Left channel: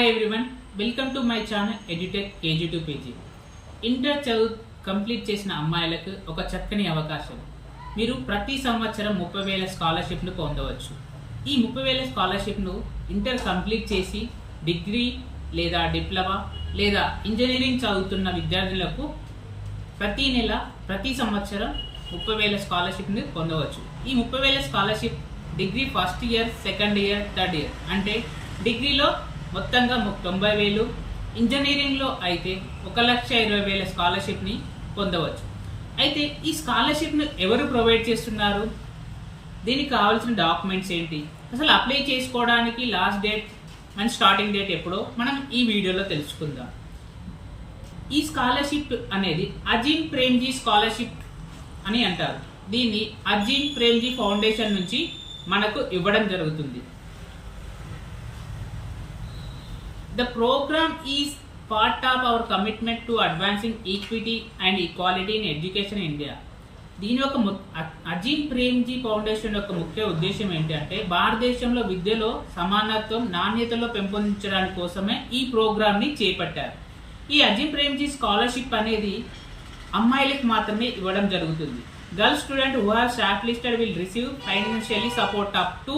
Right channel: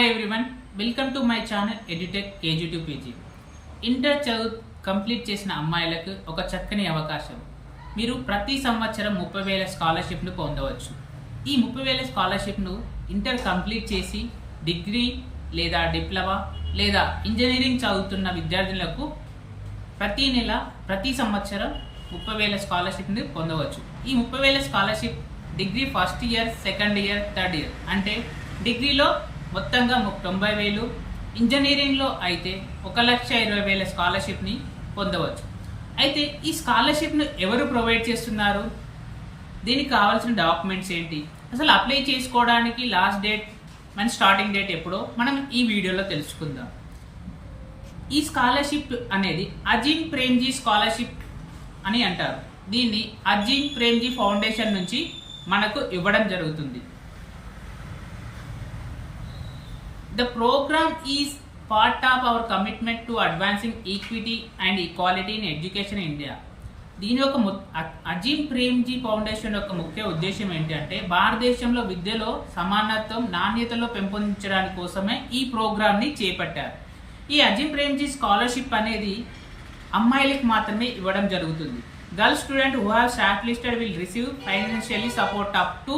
Hi everyone, welcome to my channel edutech KG2 PG. Inter చదువు complete చేసిన అమ్మాయిలకు ఒక చక్కని అవకాశం. మీరు ప్రతి సంవత్సరం 30,000 స్కాలర్షిప్ను పొందవచ్చు. ఈ 30,000 స్కాలర్షిప్ను ఇంటర్ కంప్లీట్ చేసి డిగ్రీ లేదా డిప్లొమా లేదా ఇంజనీరింగ్ చదువుతున్న విద్యార్థులకు ప్రతి నెల ప్రతి సంవత్సరం 30,000 స్కాలర్షిప్ని పొందవచ్చు. ఈ 30,000 scholarship degree first year, second year, third year అంటే డిగ్రీలో మొత్తంగా 90,000, ఇంజనీరింగ్లో అయితే 1,20,000 స్కాలర్షిప్ని పొందవచ్చు. అయితే ఈ స్కాలర్షిప్ను ఎవరు ప్రొవైడ్ చేస్తున్నారు, దీనికి కావాల్సిన డాక్యుమెంట్స్ ఏంటి, అసలు అప్లై చేసుకోవడానికి లాస్ట్ డేట్ మన స్టార్టింగ్ డేట్ ఎప్పుడో మనం ఈ వీడియోలో తెలుసుకుందాం. ఈ స్కాలర్షిప్ అనేది అజీమ్ ప్రేమ్జీ స్కాలర్షిప్ అని అంటారు. దీన్ని అజీమ్ ప్రేమ్జీ ఫౌండేషన్ నుంచి మనకు ఇవ్వడం జరుగుతుంది. The program is part of our commitment to advancing equity and equality in education in India. దీని యొక్క అజీమ్ ప్రేమ్జీ ఫౌండేషన్ యొక్క ముఖ్య ఉద్దేశం ఏంటంటే భారతదేశంలో విద్యలో సమానత్వం, నాణ్యతలో పెంపొందించడానికి కోసమే ఈ ప్రోగ్రామ్ని చేపట్టారు. ఈ అజీమ్ ప్రేమ్జీ స్కాలర్షిప్ అనేది అమ్మాయిలకు మాత్రమే ఇవ్వడం జరుగుతుంది. Girl student who have short listed will receive financially support up to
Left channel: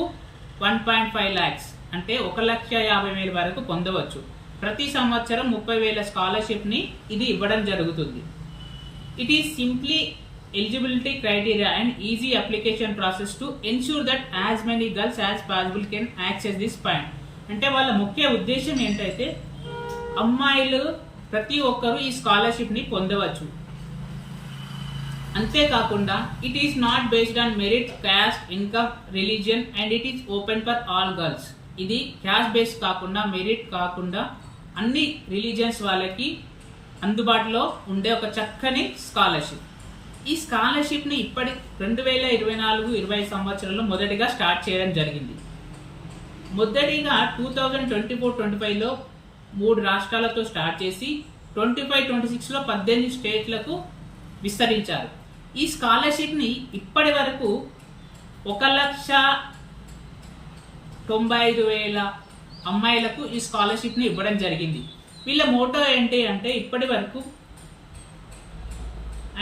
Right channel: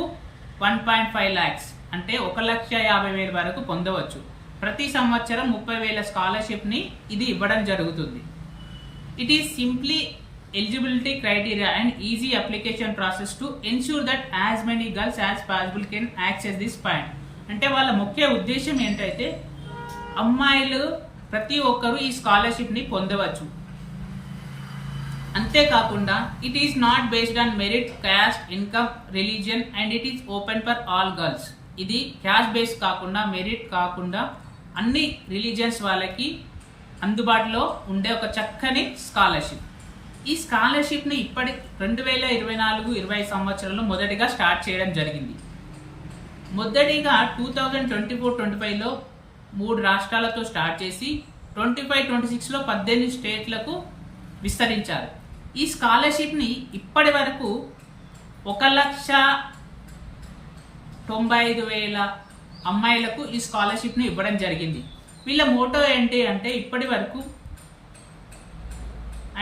1.5 lakhs అంటే 1,50,000 వరకు పొందవచ్చు. ప్రతి సంవత్సరం 30,000 స్కాలర్షిప్ని ఇది ఇవ్వడం జరుగుతుంది. It is simply eligibility criteria and easy application process to ensure that as many girls as possible can access this point. అంటే వాళ్ళ ముఖ్య ఉద్దేశం ఏంటంటే అమ్మాయిలు ప్రతి ఒక్కరూ ఈ స్కాలర్షిప్ని పొందవచ్చు. అంతేకాకుండా it is not based on merit, caste, income, religion and it is open for all girls. ఇది క్యాస్ట్ బేస్ కాకుండా, మెరిట్ కాకుండా అన్ని రిలీజియన్స్ వాళ్ళకి అందుబాటులో ఉండే ఒక చక్కని స్కాలర్షిప్. ఈ స్కాలర్షిప్ని ఇప్పటి 2024-25 సంవత్సరంలో మొదటిగా స్టార్ట్ చేయడం జరిగింది. మొదటిగా 2024-25లో 3 రాష్ట్రాలతో స్టార్ట్ చేసి 25-26లో 18 స్టేట్లకు విస్తరించారు. ఈ స్కాలర్షిప్ని ఇప్పటి వరకు 1,95,000 అమ్మాయిలకు ఈ స్కాలర్షిప్ని ఇవ్వడం జరిగింది. వీళ్ళ మోటో ఏంటి అంటే ఇప్పటి వరకు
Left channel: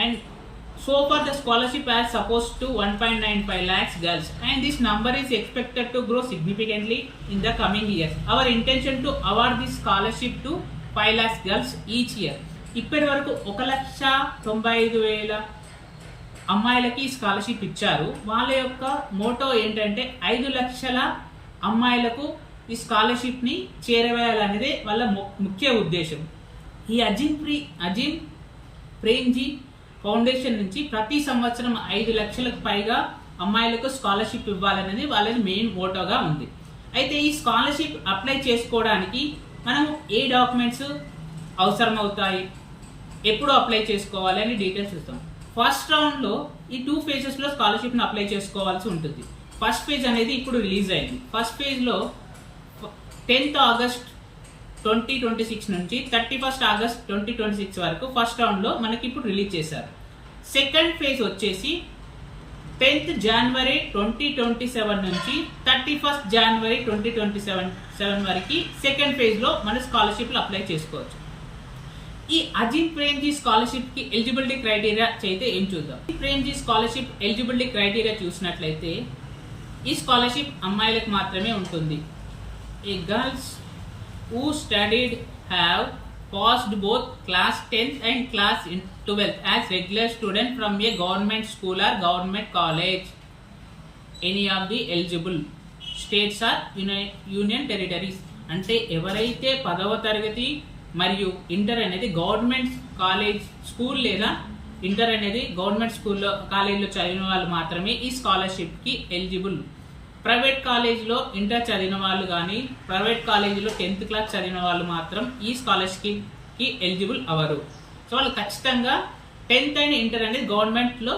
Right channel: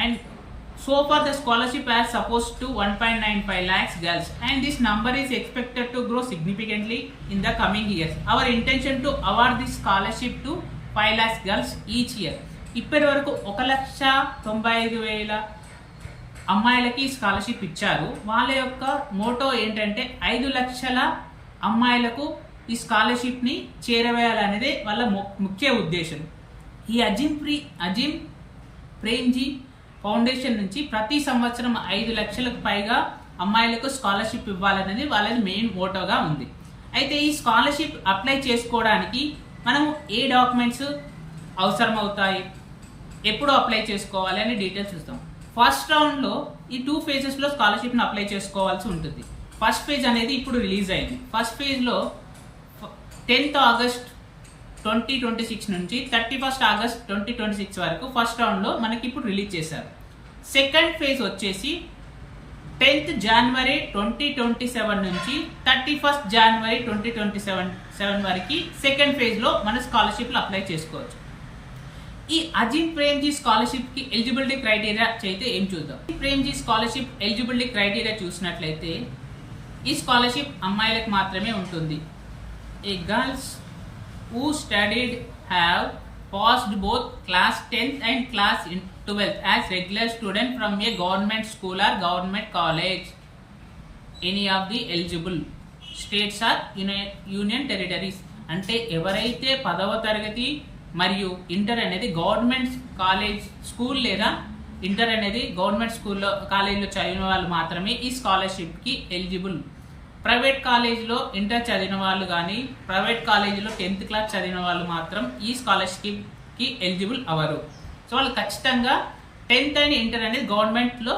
and so for the scholarship as suppose to 1.95 lakhs girls and this number is expected to grow significantly in the coming years. Our intention to award this scholarship to 5 lakhs girls each year. ఇప్పటి వరకు 1,95,000 అమ్మాయిలకి scholarship ఇచ్చారు. వాళ్ళ యొక్క Moto ఏంటంటే 5 లక్షల అమ్మాయిలకు ఈ స్కాలర్షిప్ని చేరవేయాలనేదే వాళ్ళ ముఖ్య ఉద్దేశం. ఈ అజీమ్ ప్రేమ్జీ ఫౌండేషన్ నుంచి ప్రతి సంవత్సరం 5 లక్షలకు పైగా అమ్మాయిలకు స్కాలర్షిప్ ఇవ్వాలనేది వాళ్ళని మెయిన్ మోటోగా ఉంది. అయితే ఈ స్కాలర్షిప్ అప్లై చేసుకోవడానికి మనము ఏ డాక్యుమెంట్స్ అవసరం అవుతాయి, ఎప్పుడు అప్లై చేసుకోవాలి అని డీటెయిల్స్ చూస్తాం. ఫస్ట్ రౌండ్లో ఈ 2 phases స్కాలర్షిప్ని అప్లై చేసుకోవాల్సి ఉంటుంది. ఫస్ట్ ఫేజ్ అనేది ఇప్పుడు రిలీజ్ అయింది. ఫస్ట్ ఫేజ్లో 10th August 2026 నుంచి 31st August 2026 వరకు ఫస్ట్ రౌండ్లో మనకి ఇప్పుడు రిలీజ్ చేశారు. సెకండ్ ఫేజ్ వచ్చేసి 10th January 2027 నుంచి 31st January 2027 వరకు సెకండ్ ఫేజ్లో మన స్కాలర్షిప్లు అప్లై చేసుకోవచ్చు. ఈ అజీమ్ ప్రేమ్జీ స్కాలర్షిప్కి ఎలిజిబిలిటీ క్రైటీరియా అయితే ఏం చూద్దాం. ప్రేమ్జీ స్కాలర్షిప్ ఎలిజిబిలిటీ క్రైటీరియా చూసినట్లయితే ఈ స్కాలర్షిప్ అమ్మాయిలకు మాత్రమే ఉంటుంది. ఏ girls who studied have passed both class 10th and class 12th as regular student from a government school or government college, any of the eligible states or union territories. అంటే ఎవరైతే 10వ తరగతి మరియు ఇంటర్ అనేది government college school లేదా inter అనేది government స్కూల్లో కాలేజీలో చదివిన వాళ్ళు మాత్రమే ఈ స్కాలర్షిప్కి ఎలిజిబుల్. ప్రైవేట్ కాలేజీలో ఇంటర్ చదివిన వాళ్ళు కానీ ప్రైవేట్ కాలేజీలో 10th క్లాస్ చదివిన వాళ్ళు మాత్రం ఈ స్కాలర్షిప్కి ఎలిజిబుల్ అవ్వరు. సో వాళ్ళు ఖచ్చితంగా 10th అండ్ ఇంటర్ అనేది గవర్నమెంట్లో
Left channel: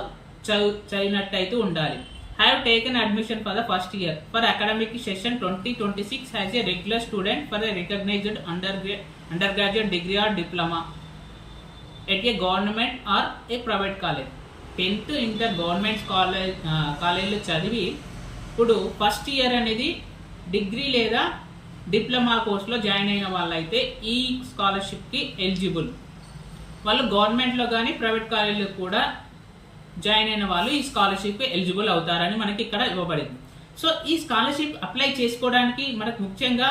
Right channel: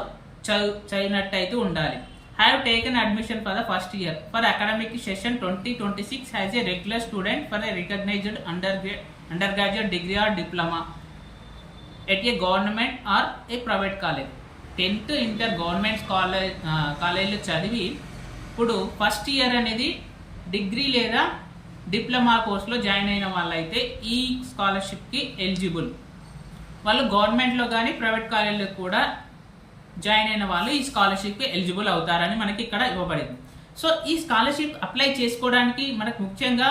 చదివినట్టయితే ఉండాలి. Have taken admission for the first year for academic session 2026 as a regular student for a recognised undergraduate degree or diploma at a government or a private college. 10th inter government కాలేజీలో చదివి ఇప్పుడు first year అనేది degree లేదా diploma కోర్సులో join అయిన వాళ్ళైతే ఈ స్కాలర్షిప్కి eligible. వాళ్ళు గవర్నమెంట్లో కానీ ప్రైవేట్ కాలేజీలో కూడా జాయిన్ అయిన వాళ్ళు ఈ స్కాలర్షిప్కి ఎలిజిబుల్ అవుతారని మనకి ఇక్కడ ఇవ్వబడింది. సో ఈ స్కాలర్షిప్ అప్లై చేసుకోవడానికి మనకు ముఖ్యంగా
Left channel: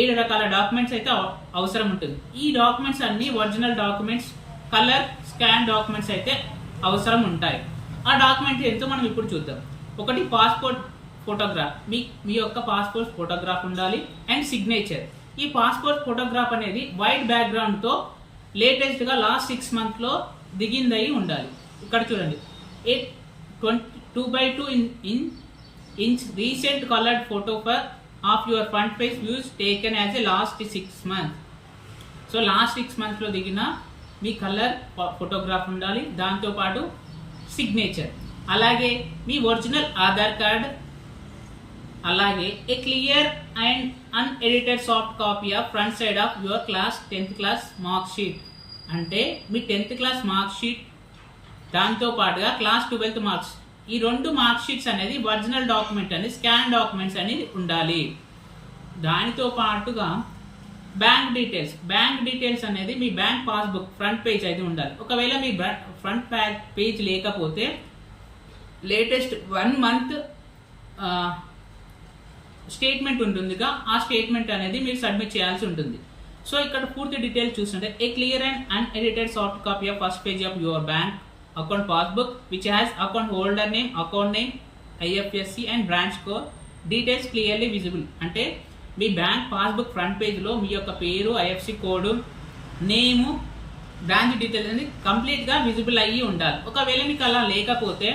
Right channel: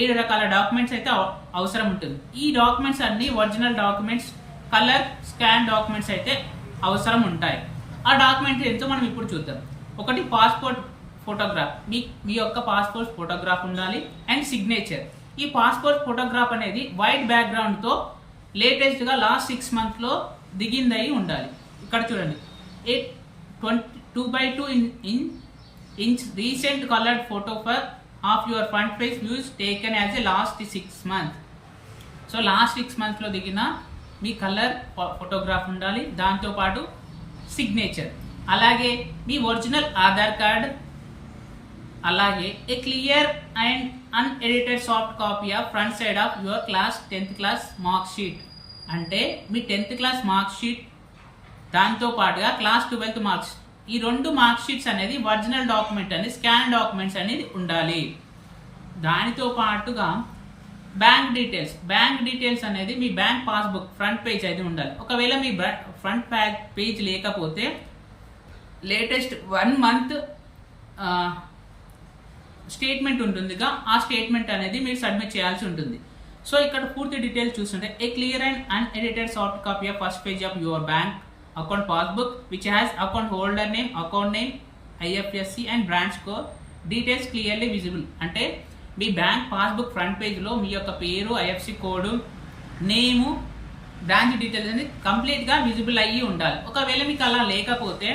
7 రకాల డాక్యుమెంట్స్ అయితే అవసరం ఉంటుంది. ఈ డాక్యుమెంట్స్ అన్ని original documents, colour scan documents అయితే అవసరం ఉంటాయి. ఆ డాక్యుమెంట్ ఏంటో మనం ఇప్పుడు చూద్దాం. ఒకటి పాస్పోర్ట్ ఫోటోగ్రాఫ్, మీ యొక్క పాస్పోర్ట్ ఫోటోగ్రాఫ్ ఉండాలి. And signature. ఈ పాస్పోర్ట్ ఫోటోగ్రాఫ్ అనేది వైట్ బ్యాక్గ్రౌండ్తో లేటెస్ట్గా లాస్ట్ 6 monthsలో దిగిందయి ఉండాలి. ఇక్కడ చూడండి, 2x2 inch recent colored photo of your front page views taken as a last 6 months. So last 6 monthsలో దిగిన మీ కలర్ ఫోటోగ్రాఫ్ ఉండాలి. దాంతోపాటు సిగ్నేచర్, అలాగే మీ ఒరిజినల్ ఆధార్ కార్డ్, అలాగే ఏ clear and unedited soft copy of front side of your class 10th class mark sheet. అంటే మీ 10th class mark sheet, దాంతో పాటుగా class 12th marks, ఈ 2 mark sheets అనేది ఒరిజినల్ డాక్యుమెంట్ అనేది స్కాన్ డాక్యుమెంట్స్ అనేది ఉండాలి. దానితో పాటుగా బ్యాంక్ డీటెయిల్స్ అనేది మీ బ్యాంక్ పాస్బుక్ ఫ్రంట్ పేజ్ అయితే ఉండాలి. ఒకవేళ మీ ఫ్రంట్ పేజ్ లేకపోతే లేటెస్ట్ 1 month స్టేట్మెంట్ ఉంటుందిగా, ఆ స్టేట్మెంట్ అనేది మీరు సబ్మిట్ చేయాల్సి ఉంటుంది. సో ఇక్కడ పూర్తి డీటెయిల్స్ చూస్తుంటే ఏ clear and unedited soft copy of first page of your bank account passbook which has account holder name, account name, IFSC and branch code details clearly visible. అంటే మీ bank passbook front పేజ్లో మీ యొక్క పేరు, IFSC code, నేము, branch details అనేది కంప్లీట్గా visible అయ్యి ఉండాలి. ఒకవేళ మీకు అలా లేకపోతే,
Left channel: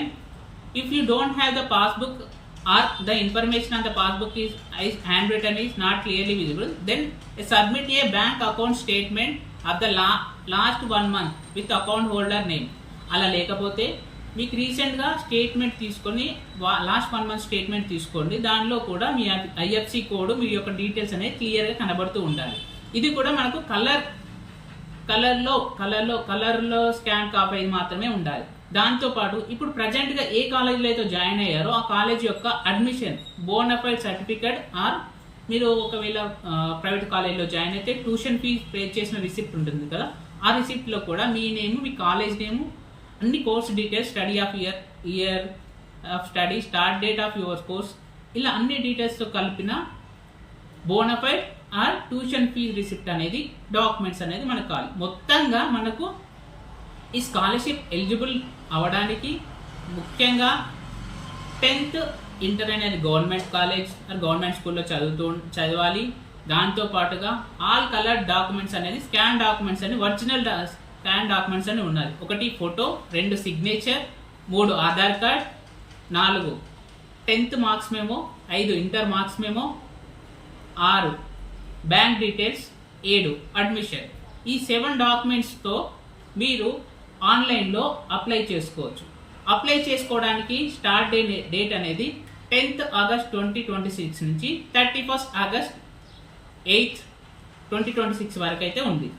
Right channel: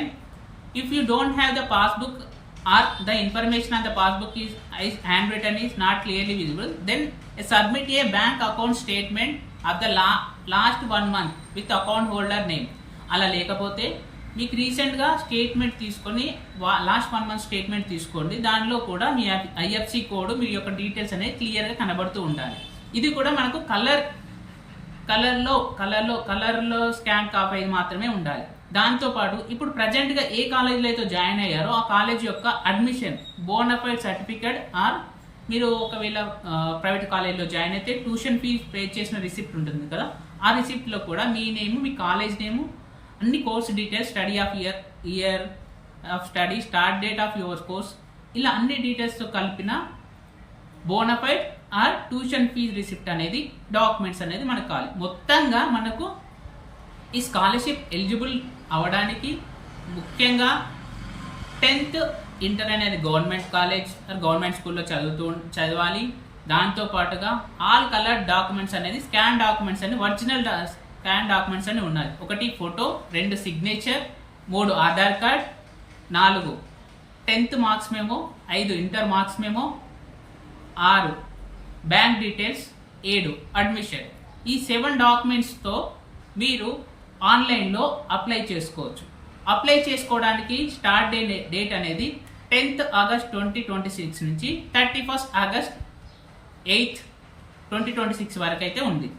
if you don't have the passbook or the information on the passbook is handwritten is not clearly visible, then submit a bank account statement of the last 1 month with account holder name. అలా లేకపోతే మీకు రీసెంట్గా statement తీసుకొని last 1 month statement తీసుకోండి. దానిలో కూడా మీ IFSC code, మీ యొక్క details అనేది క్లియర్గా కనబడుతూ ఉండాలి. ఇది కూడా మనకు కలర్లో స్కాన్ కాపీ మాత్రమే ఉండాలి. దాంతోపాటు ఇప్పుడు ప్రజెంట్గా ఏ కాలేజీలో అయితే జాయిన్ అయ్యారో ఆ కాలేజ్ యొక్క అడ్మిషన్ బోనఫైడ్ సర్టిఫికేట్, ఆర్ మీరు ఒకవేళ ప్రైవేట్ కాలేజీలో జాయిన్ అయితే ట్యూషన్ ఫీజ్ పే చేసిన రిసిప్ట్ ఉంటుంది కదా, ఆ రిసిప్ట్లో కూడా మీ నేము, మీ కాలేజ్ నేము, అన్ని course details, study of year of study, start date of your course, ఇలా అన్ని డీటెయిల్స్తో కలిపిన bona fide or tuition fee receipt అనేది డాక్యుమెంట్స్ అనేది మనకు కావాలి. మొత్తంగా మనకు ఈ స్కాలర్షిప్ ఎలిజిబుల్ అవ్వడానికి ముఖ్యంగా 10th, ఇంటర్ అనేది గవర్నమెంట్ కాలేజ్ గవర్నమెంట్ స్కూల్లో చదవాలి. దాంతోపాటుగా ఆల్ కలర్ డాక్యుమెంట్స్ అనేది స్కాన్ డాక్యుమెంట్స్ అని ఒరిజినల్ స్కాన్ డాక్యుమెంట్స్ అని ఉన్నాయి. 1 photo, 2 signature, 3 Aadhaar card, 4 10th marks memo, 5 inter marks memo, 6 bank details, 7 admission. ఈ 7 డాక్యుమెంట్స్తో మీరు ఆన్లైన్లో అప్లై చేసుకోవచ్చు. అప్లై చేసుకోవడానికి స్టార్ట్ డేట్ అనేది 10th August 2026 నుంచి 31st August 8th 2026 వరకు అయితే ఉంది.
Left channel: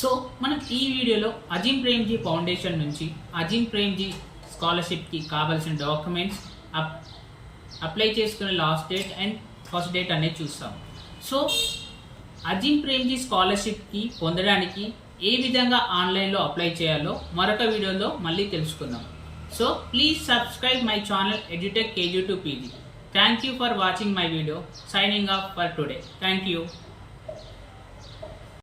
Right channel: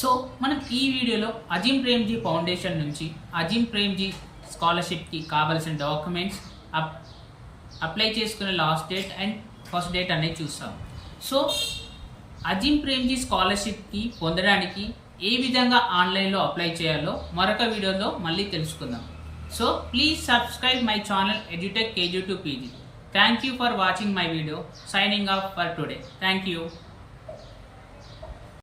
సో మనం ఈ వీడియోలో అజీం ప్రేమ్జీ ఫౌండేషన్ నుంచి అజీం ప్రేమ్జీ స్కాలర్షిప్కి కావాల్సిన డాక్యుమెంట్స్, అప్లై చేసుకునే last date and first date అనేది చూస్తాం. సో అజీం ప్రేమ్జీ స్కాలర్షిప్కి పొందడానికి ఏ విధంగా ఆన్లైన్లో అప్లై చేయాలో మరొక వీడియోలో మళ్ళీ తెలుసుకుందాం. So please subscribe my channel EduTech KG to PG. Thank you for watching my video. Signing off for today. Thank you.